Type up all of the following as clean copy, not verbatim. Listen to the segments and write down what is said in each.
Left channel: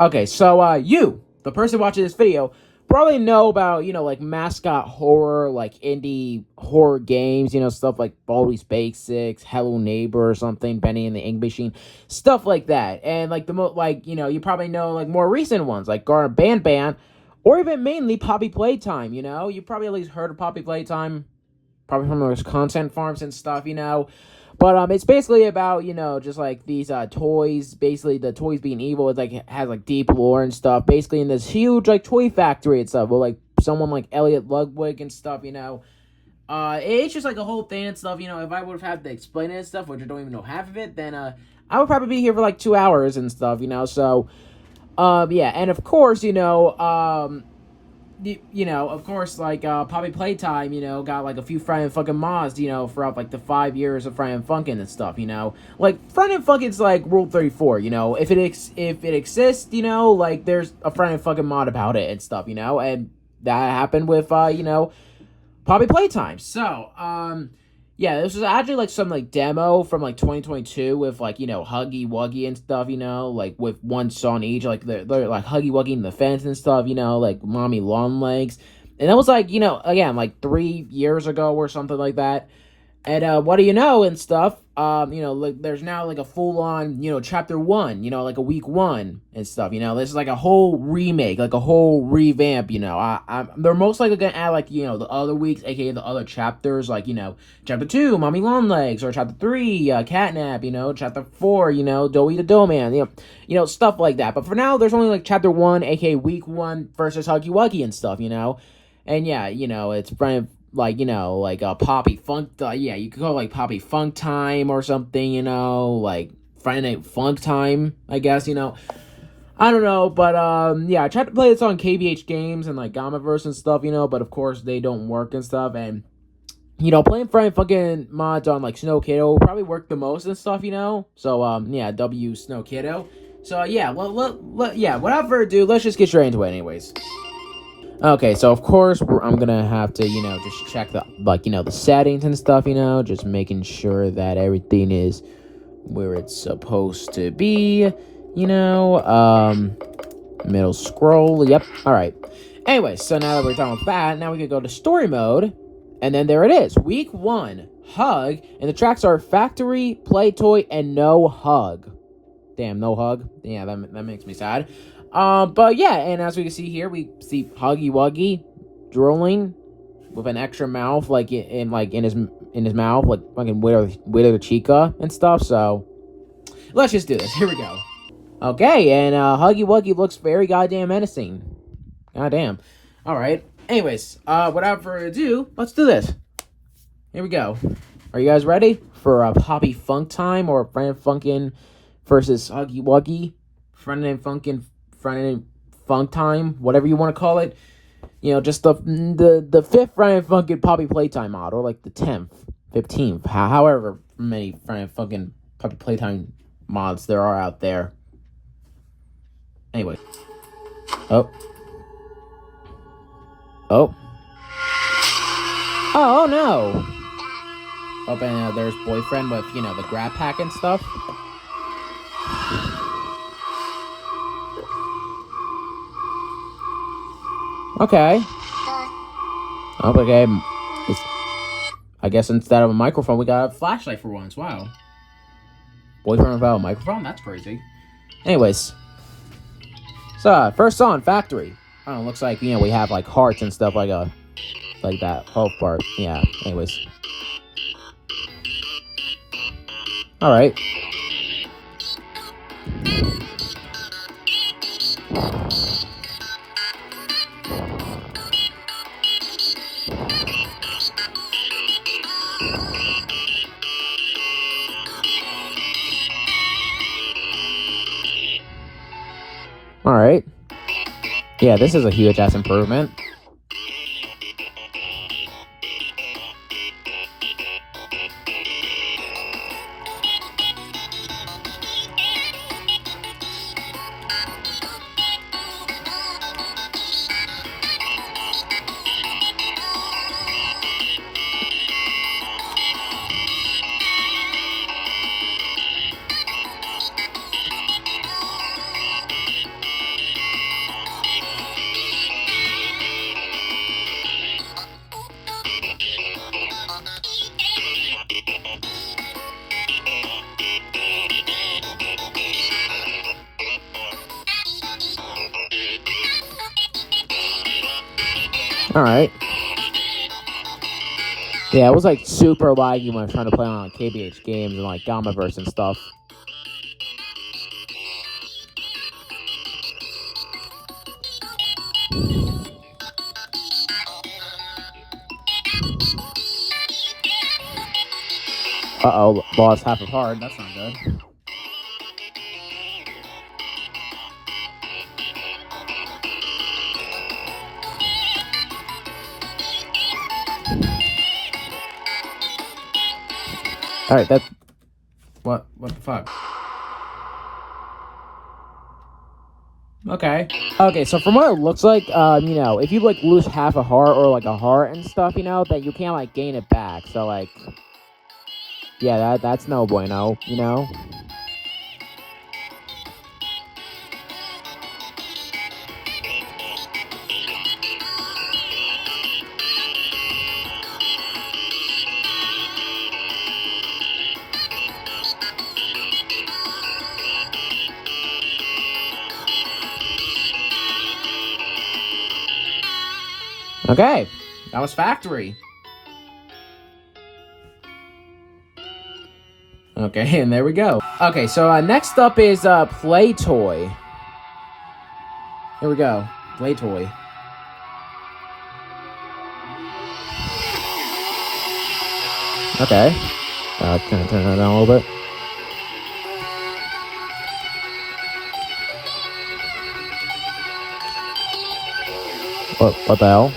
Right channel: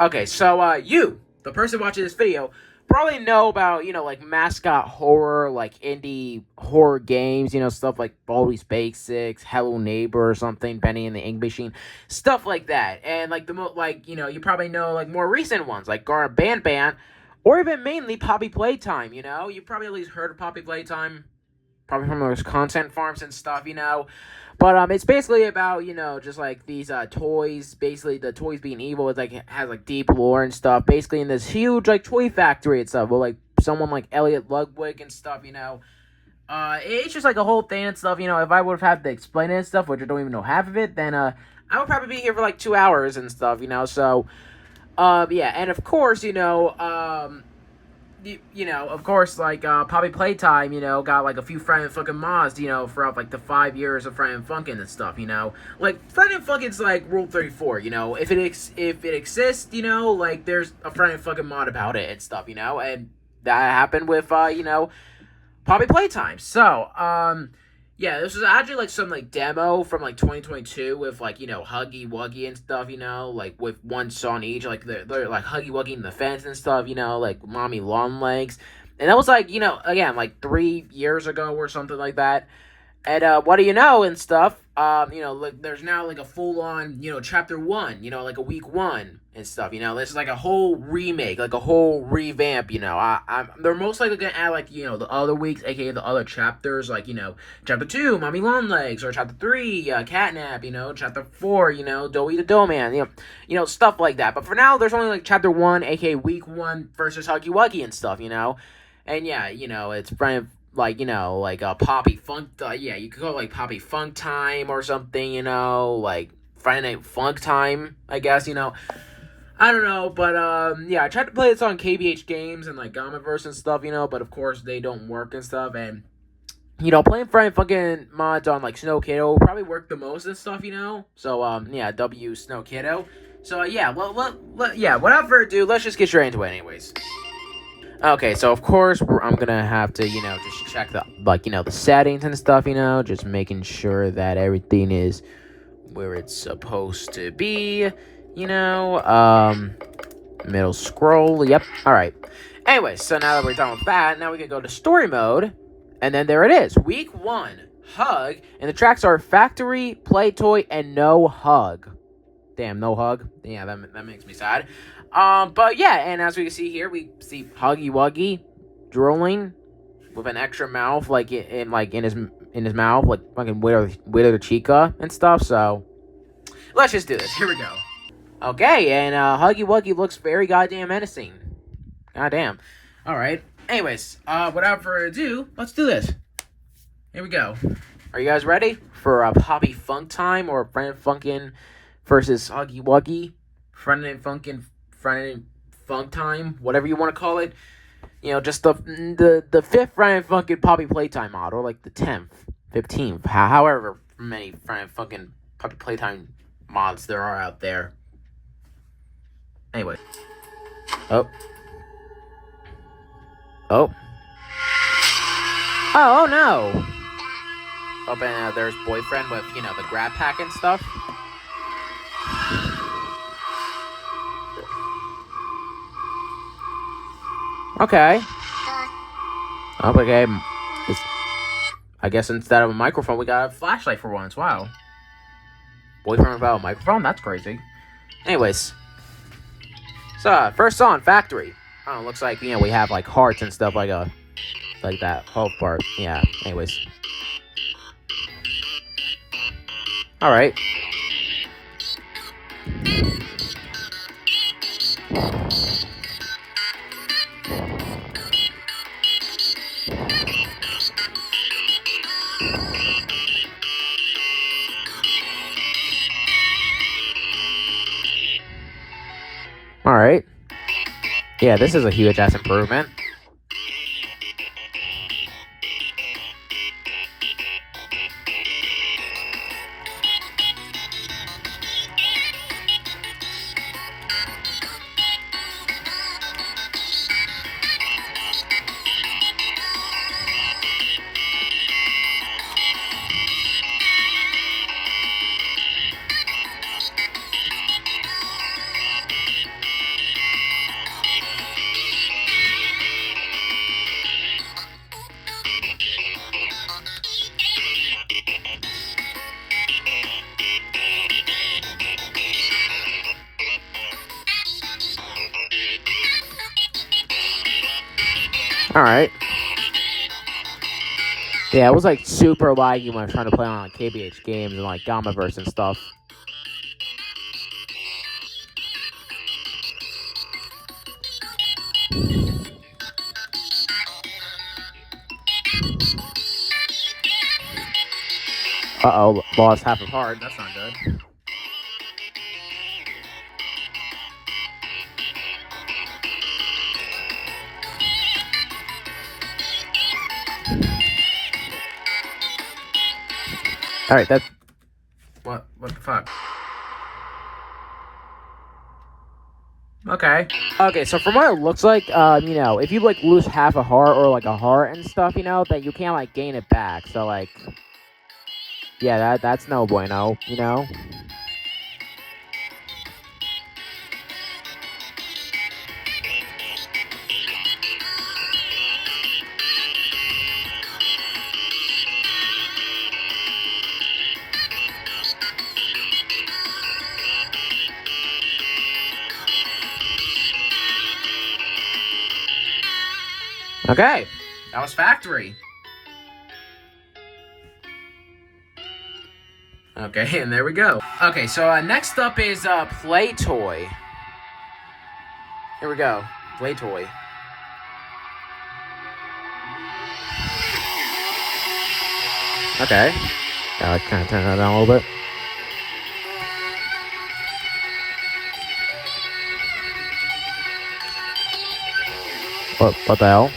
Okay, so you, the person watching this video, probably know about, like mascot horror, like indie horror games, stuff like Baldi's Basics, Hello Neighbor or something, Benny and the Ink Machine, stuff like that. And like you probably know like more recent ones like Gar Ban Ban, or even mainly Poppy Playtime. You probably at least heard of Poppy Playtime, probably from those content farms and stuff. But it's basically about, just like these toys, basically the toys being evil. It's like it has like deep lore and stuff, basically in this huge like toy factory and stuff with like someone like Elliot Ludwig and stuff. It's just like a whole thing and stuff. If I would have had to explain it and stuff, which I don't even know half of it, then I would probably be here for like 2 hours and stuff. Yeah, and of course, of course, like, Poppy Playtime, got, like, a few Friday and Funkin' mods, throughout, like, the 5 years of Friday and Funkin' and stuff. Like, Friday and Funkin's, like, Rule 34, if it exists, like, there's a Friday and Funkin' mod about it and stuff, and that happened with, Poppy Playtime. So, yeah, this was actually, like, some, like, demo from, like, 2022 with, like, Huggy Wuggy and stuff, like, with one song each, like, they're like, Huggy Wuggy in the fence and stuff, like, Mommy Long Legs. And that was, like, again, like, 3 years ago or something like that. And, what do you know and stuff, like, there's now, like, a full-on, chapter 1, like, a week 1 and stuff, this is, like, a whole remake, like, a whole revamp, they're most likely gonna add, like, the other weeks, aka the other chapters, like, chapter 2, Mommy Long Legs, or chapter 3, Catnap, chapter 4, Doughy the Doughman, stuff like that, but for now, there's only, like, chapter 1, aka week 1, versus Huggy Wuggy and stuff, and yeah, it's like, like Poppy Funk, yeah, you could call it like Poppy Funktime or something, like Friday Night Funktime, I guess, I don't know, but, yeah, I tried to play this on KBH Games and, like, Gammaverse and stuff, but of course they don't work and stuff, and, playing Friday Funkin' mods on, like, Snow Kiddo will probably work the most and stuff, so, yeah, W Snow Kiddo, so, yeah, yeah, without further ado, let's just get straight into it anyways. Okay, so of course I'm gonna have to, just check the, like, the settings and stuff, just making sure that everything is where it's supposed to be, middle scroll, yep, alright. Anyway, so now that we're done with that, now we can go to story mode, and then there it is, week 1, Hug, and the tracks are Factory, Play Toy, and No Hug. Damn, no hug. Yeah, that makes me sad. But yeah, and as we can see here, we see Huggy Wuggy drooling with an extra mouth, like in his mouth, like fucking with Chica and stuff. So let's just do this. Here we go. Okay, and Huggy Wuggy looks very goddamn menacing. Goddamn. All right. Anyways, without further ado, let's do this. Here we go. Are you guys ready for Poppy Funktime or Friday Funkin' versus Huggy Wuggy, Friday Funkin', Friday Funktime, whatever you want to call it? Just the 5th Friday Funkin' Poppy Playtime mod, or like the 10th, 15th, however many Friday Funkin' Poppy Playtime mods there are out there. Anyway. Oh, no. Oh, and there's boyfriend with, the grab pack and stuff. Okay. Okay. I guess instead of a microphone, we got a flashlight for once. Wow. Boyfriend without a microphone? That's crazy. Anyways. So, first song, Factory. I don't know, looks like, we have, like, hearts and stuff, like that whole part. Yeah, anyways. Alright. Alright. Yeah, this is a huge ass improvement. Alright. Yeah, it was like super laggy when I was trying to play on like KBH games and like Gammaverse and stuff. Uh-oh, lost half of heart. That's not good. Alright, that's... What the fuck? Okay. Okay, so from what it looks like, you know, if you, like, lose half a heart or, like, a heart and stuff, you know, then you can't, like, gain it back. So, like... Yeah, that's no bueno, you know? Okay, that was Factory. Okay, and there we go. Okay, so next up is Play Toy. Here we go, Play Toy. Okay, I kind of turn that down a little bit. What the hell?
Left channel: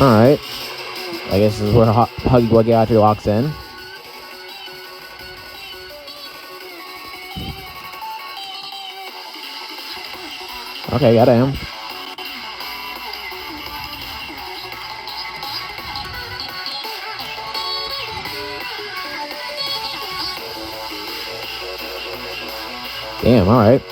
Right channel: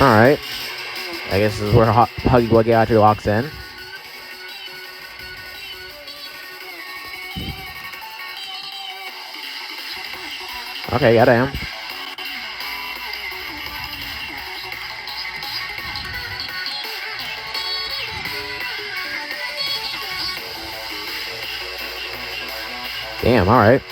Alright. I guess this is where Huggy Wuggy actually locks in. Okay, goddamn. Damn, alright.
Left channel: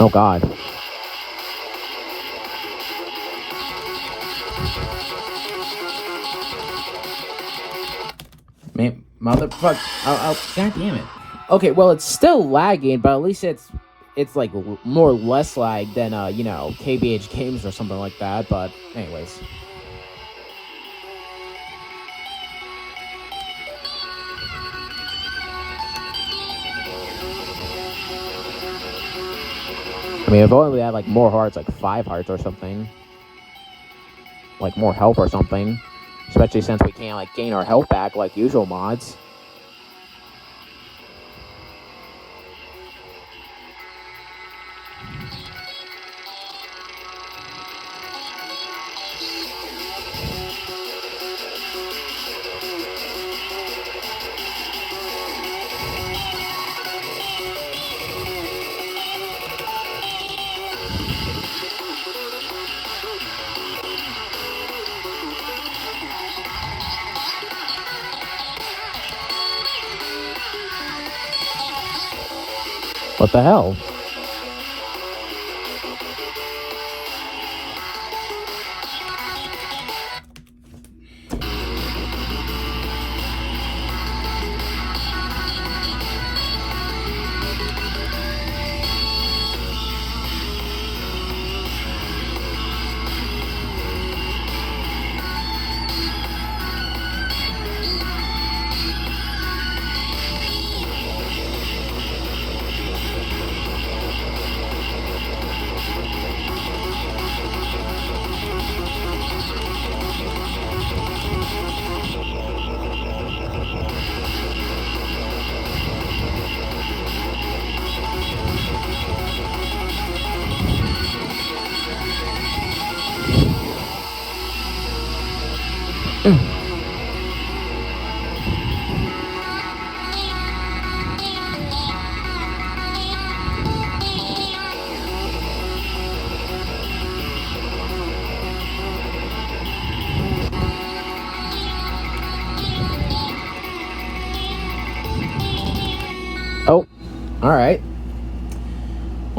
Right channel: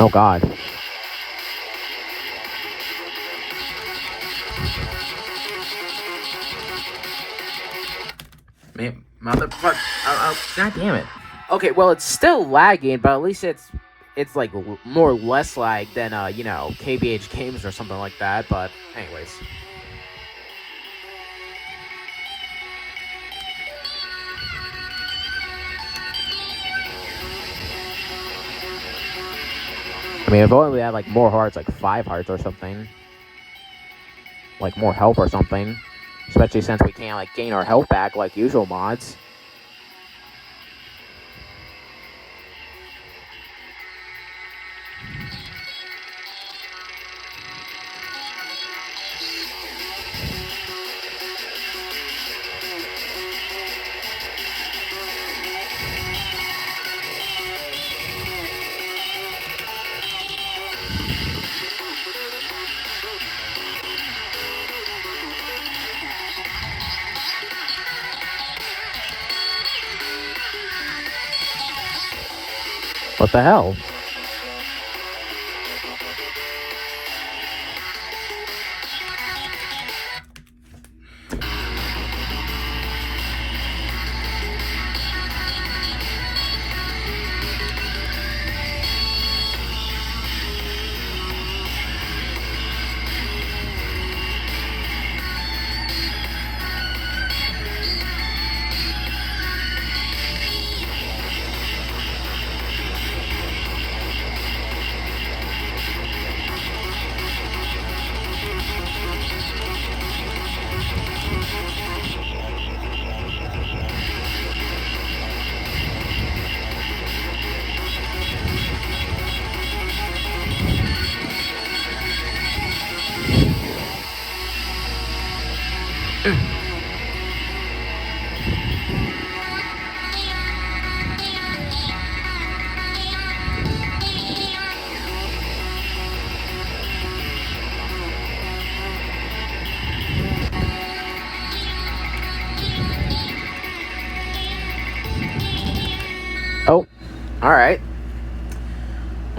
Oh god. Man, motherfucker. Oh, god damn it. Okay, well, it's still lagging, but at least it's like more or less lag than, you know, KBH games or something like that, but anyways. I mean, if only we had, like, more hearts, like 5 hearts or something. Like, more health or something. Especially since we can't, like, gain our health back like usual mods. What the hell?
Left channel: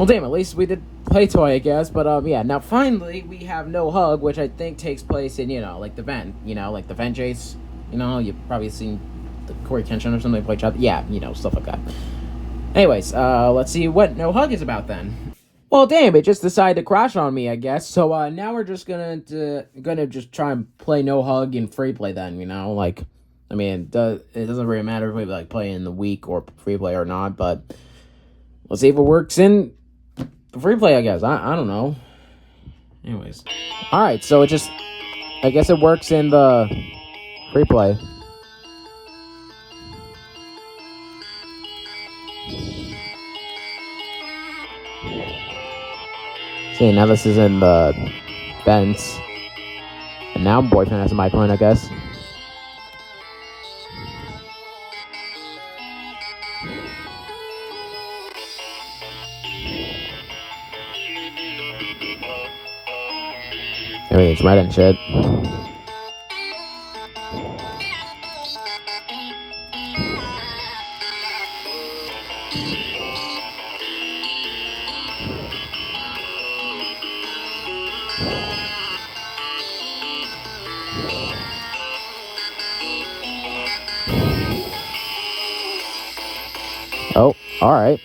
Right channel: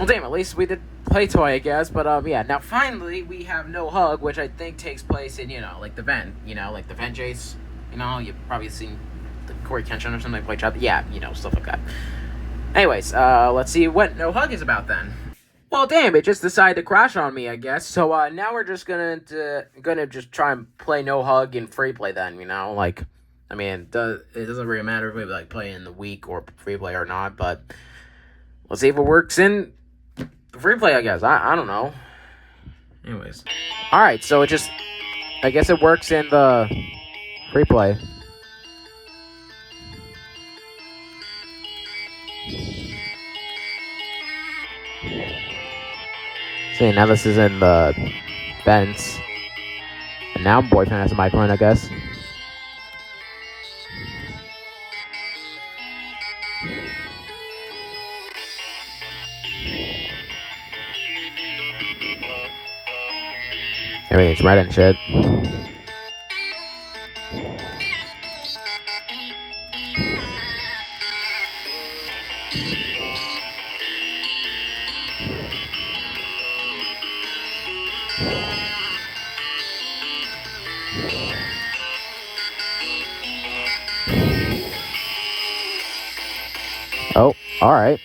Well, damn, at least we did play toy, I guess. But, yeah, now finally we have No Hug, which I think takes place in, like the vent, like the vent chase. You've probably seen the Corey Kenshin or something, play chat. Yeah, stuff like that. Anyways, let's see what No Hug is about then. Well, damn, it just decided to crash on me, I guess. So, now we're just gonna just try and play No Hug in free play then, Like, I mean, it doesn't really matter if we, like, play in the week or free play or not, but let's see if it works in the free play, I guess. I don't know. Anyways. Alright, so I guess it works in the free play. See, now this is in the vents. And now boyfriend has a microphone, I guess. Everything's red and shit. Oh, alright.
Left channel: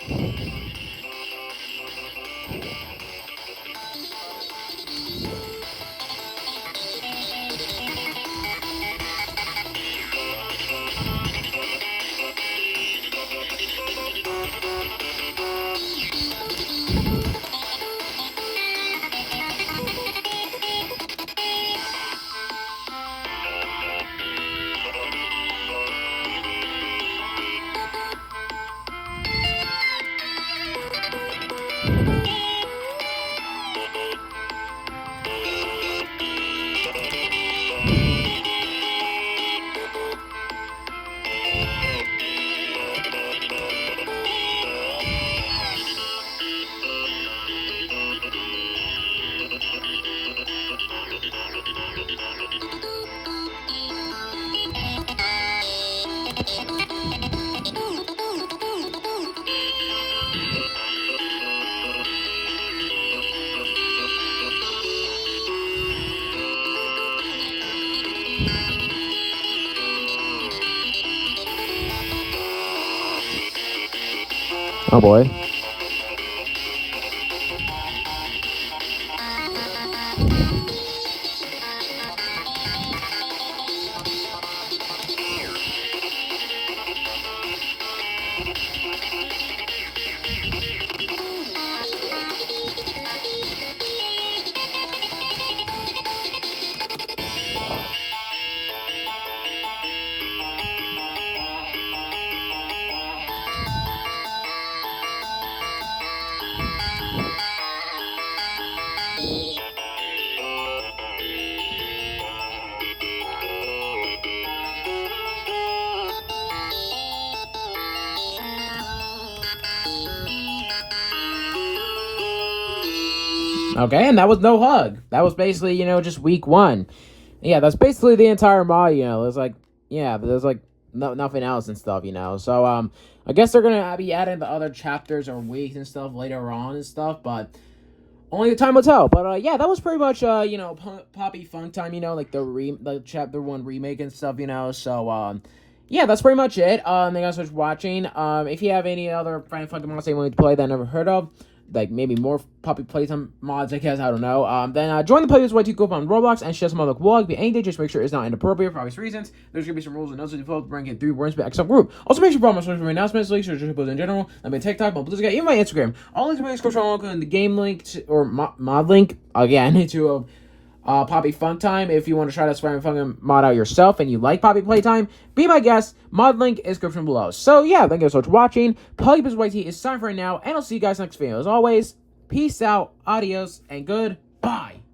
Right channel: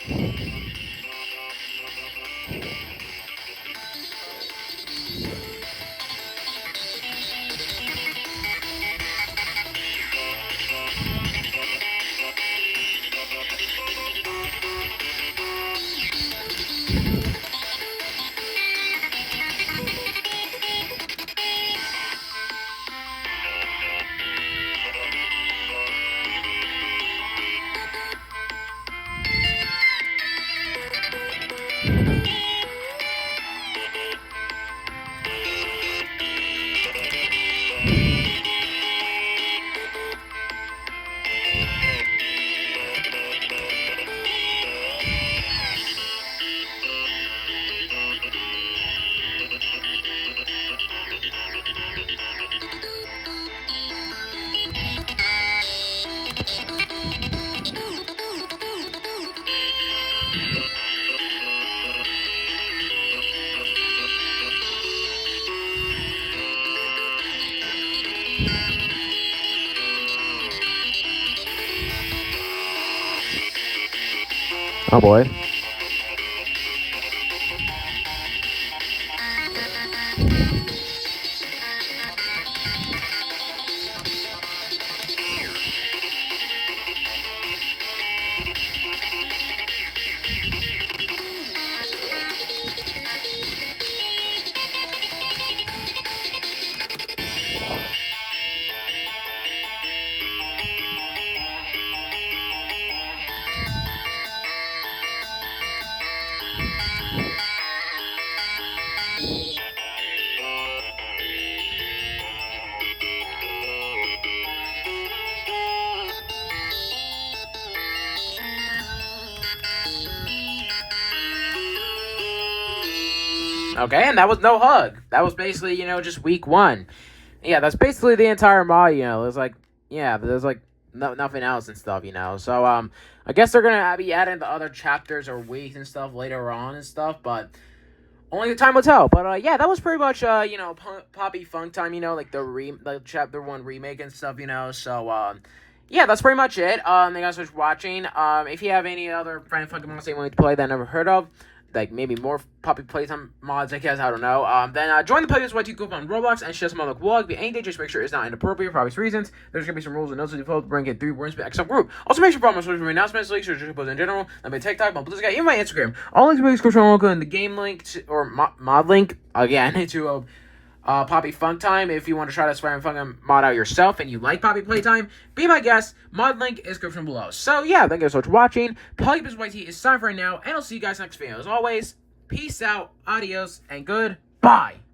Oh boy. Okay, and that was No Hug. That was basically, just week 1. Yeah, that's basically the entire mod, There's like, there's like nothing else and stuff, So, I guess they're gonna be adding the other chapters or weeks and stuff later on and stuff, but only the time will tell. But, yeah, that was pretty much, Poppy Funktime, like the chapter 1 remake and stuff, So, yeah, that's pretty much it. Thank you guys for watching. If you have any other Friday Funkin' mods that you want me to play that I never heard of, like maybe more Poppy Playtime mods, I guess, I don't know. Then join the playlist where you go on Roblox and share some other vlog. Be any day, just make sure it's not inappropriate for obvious reasons. There's gonna be some rules and notes to follow to bring in 3 words per except group. Also, make sure you follow my social media announcements, links, or just post in general. I'm on TikTok, my Blue Sky, even my Instagram. All links will be in the description. I'll go in the game link or mod link again to Poppy Funktime. If you want to try this Friday Funkin' mod out yourself and you like Poppy Playtime, be my guest. Mod link is description below. So yeah, thank you so much for watching. PolyBizYT is time for right now, and I'll see you guys next video. As always, peace out, adios, and goodbye.